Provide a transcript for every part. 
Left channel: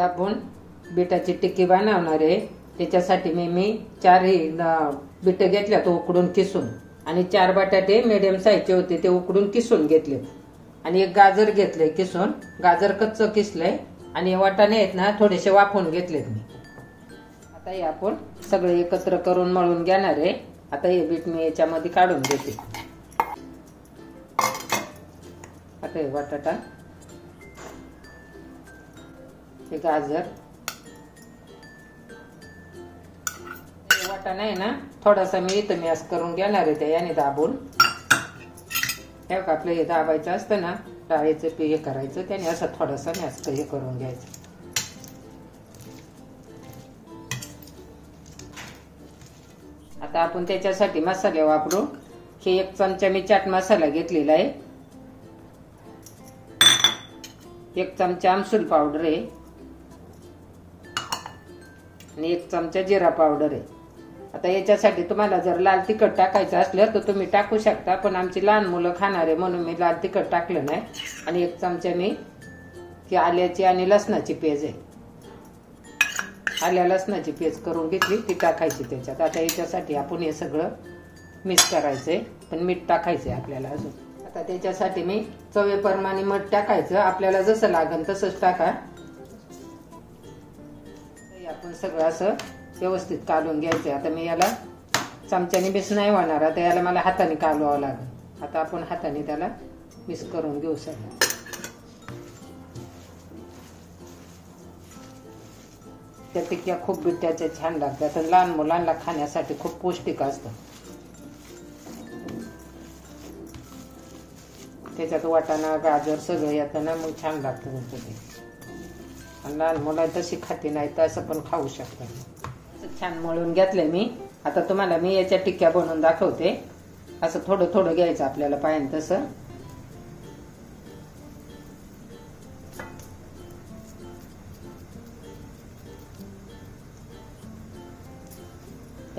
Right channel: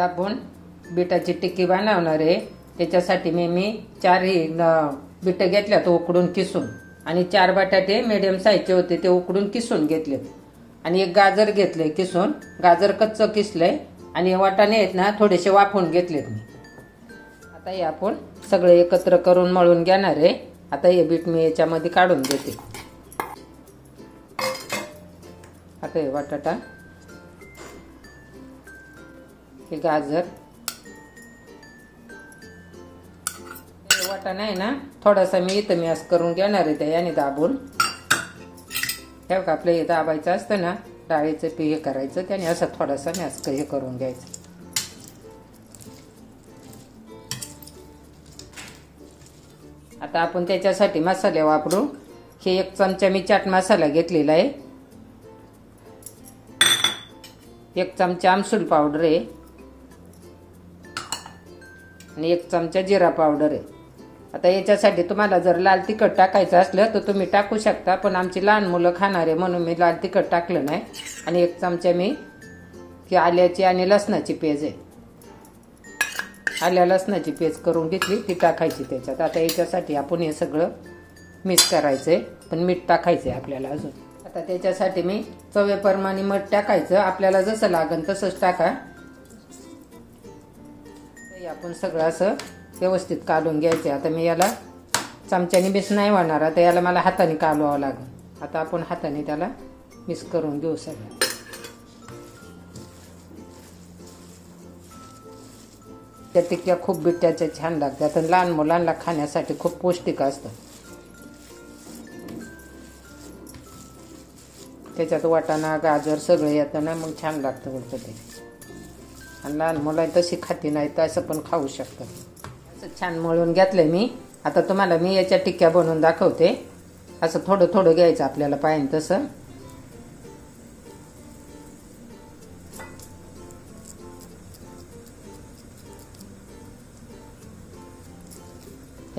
आपण बिटाची टिक्की बनवणार आहे। त्याच्यासाठी मी 4 बीट घेतल्यात उकडून किसून आणि 4 बटाटे मीडियम साईजचे होते ते उकडून किसून घेतले आणि 1 गाजर घेतले किसून। गाजर कच्चं किसलंय आणि वाटाणे आहेत ना थोडेसे वाफवून घेतलेत मी। आता हे आपण सगळे एकत्र करून मळून घेणार आहे। आता हे बीट मी याच्यामध्ये काढून घेते। आता हे बटाटा, हे गाजर, वाटाणा आहे ना थोडासा मी इथं मॅश करून घेणार आहे, त्या याने दाबून हे का आपले दाबायचं असतं ना डाळीचं पीठ हे करायचं त्याने असं थोडासा मॅश हे करून घ्यायचं। आता आपण त्याच्यासाठी मसाले वापरू। हे 1 चमचा मी चाट मसाला घेतलेला आहे, 1 चमचा आमसूल पावडर आहे आणि 1 चमचा जिरा पावडर आहे। आता याच्यासाठी तुम्हाला जर लाल तिखट टाकायचं असलं तर तुम्ही टाकू शकता, पण आमची लहान मुलं खाणार आहे म्हणून मी लाल तिखट टाकलं नाही। आणि 1 चमचा मी आल्याची आणि लसणाची पेज आहे, आल्या लसणाची पेज करून घेतली ती टाकायची त्याच्यात। आता याच्यासाठी आपण हे सगळं मिक्स करायचंय, पण मीठ टाकायचंय आपल्याला अजून। आता त्याच्यासाठी मी चवीप्रमाणे मीठ टाकायचं, आपल्याला जसं लागेल तसंच टाका। आपण सगळं असं व्यवस्थित कालून घ्यायचं। आता मी याला चमच्याने मिक्स नाही होणार, आता याला मला हाताने कालवावं लागेल। आता आपण हाताने त्याला मिक्स करून घेऊ सगळं। त्या टिक्क्या खूप बिट्याच्या छान लागतात आणि लहान मुलांना खाण्यासाठी खूप पौष्टिक असतं। त्याच्यात वाटाणा गाजर सगळं येतं ना मग छान लागतं मग ते। आणि लहान मुलं तशी खाती नाही तर असं पण खाऊ शकतात। छान मळून घेतलंय मी। आता तुम्हाला मी याच्या टिक्क्या बनवून दाखवते। असं थोडं थोडं घ्यायचं आपल्याला पाहिजे तसं।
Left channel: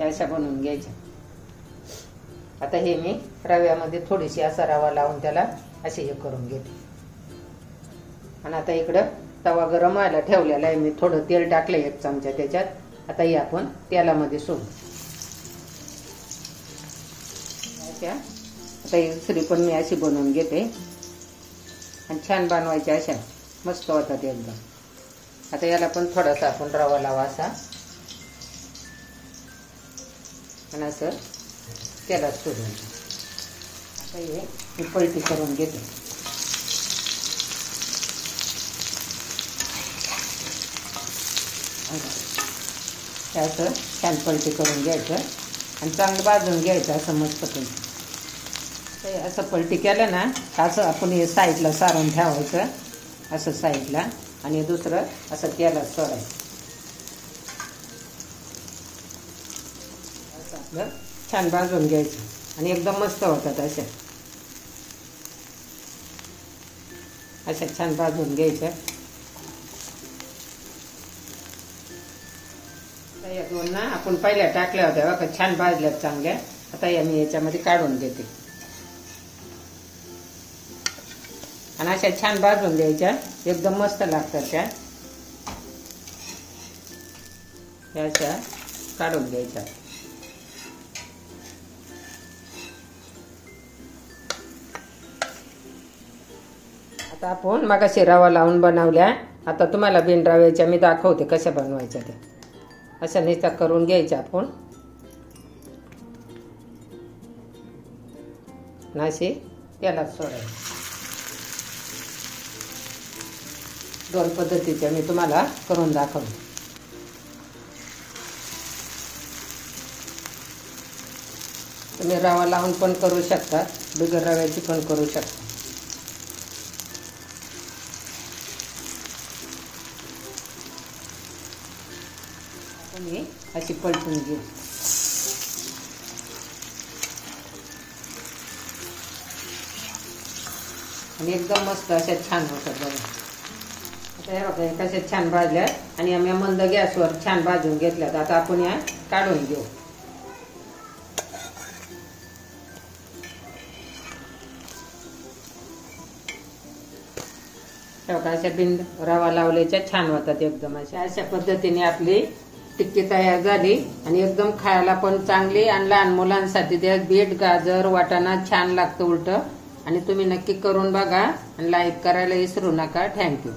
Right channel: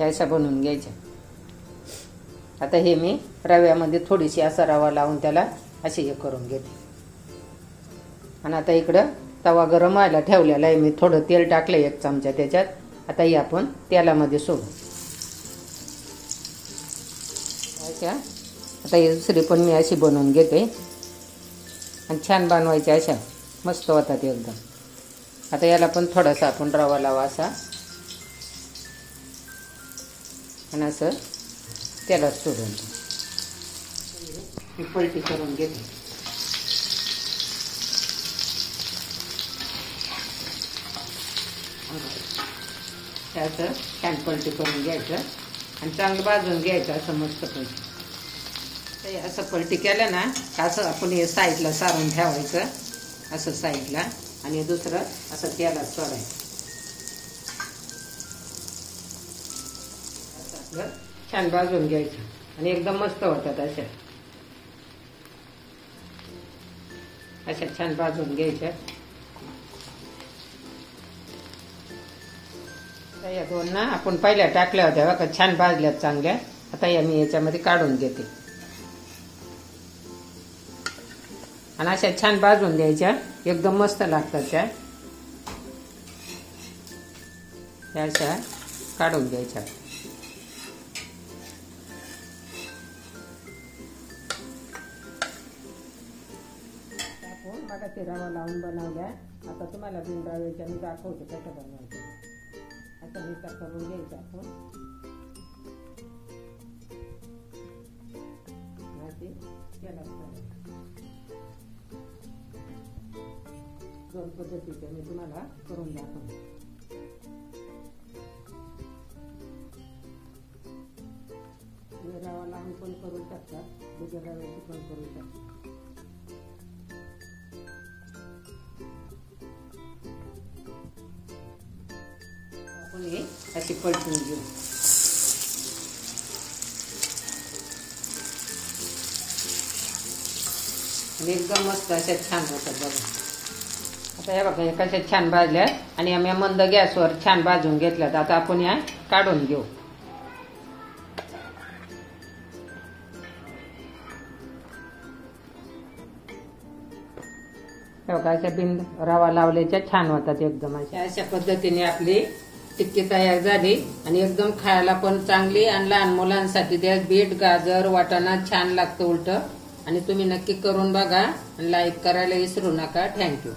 अशा बनवून घ्यायच्या। आता हे मी रव्यामध्ये थोडीशी असा रवा लावून त्याला असे हे करून घेते। आणि आता इकडं तवा गरम व्हायला ठेवलेला आहे, मी थोडं तेल टाकलं 1 चमचा त्याच्यात। आता हे आपण तेलामध्ये सोडू। आता ही दुसरी पण मी अशी बनवून घेते आणि छान बनवायची, अशा मस्त होतात एकदम। आता याला पण थोडासा आपण रवा लावा असा आणि असं तेलात सोडून पलटी करून घेते। असं छान पलटी करून घ्यायचं आणि चांगलं भाजून घ्यायचं असं मस्त पलटी। असं पलटी केलं ना असं आपण हे साईडला सारण ठेवायचं असं साईडला आणि दुसरं असं तेलात सोडायचं। आपलं छान भाजून घ्यायचं आणि एकदम मस्त होतात अशा छान भाजून घ्यायच्या। या 2 ना आपण पहिल्या टाकल्या होत्या बघा छान भाजल्यात चांगल्या। आता या मी याच्यामध्ये काढून घेते आणि अशा छान भाजून द्यायच्या, एकदम मस्त लागतात त्या। अशा काढून घ्यायच्या। आता आपण मगाशी रवा लावून बनवल्या, आता तुम्हाला बिन रव्याच्या मी दाखवते कशा बनवायच्या ते। अशा नुसत्या करून घ्यायच्या आपण अशी तेलात सोडायचं। 2 पद्धतीच्या मी तुम्हाला करून दाखवते। तुम्ही रवा लावून पण करू शकता, बिगर रव्याची पण करू शकता। आपण अशी पलटून घेऊ आणि एकदम मस्त अशा छान होतात बघा। आता हे बघा कशा छान भाजल्या आणि आम्ही मंद गॅसवर छान भाजून घेतल्यात। आता आपण या काढून घेऊ। बघा अशा बिंद रवा लावल्याच्या छान होतात एकदम अशा पद्धतीने आपली टिक्की तयार झाली आणि एकदम खायला पण चांगली आणि लहान मुलांसाठी त्यात बीट गाजर वाटाणा छान लागतं उलट आणि तुम्ही नक्की करून बघा आणि लाईक करायला विसरू नका. थँक्यू.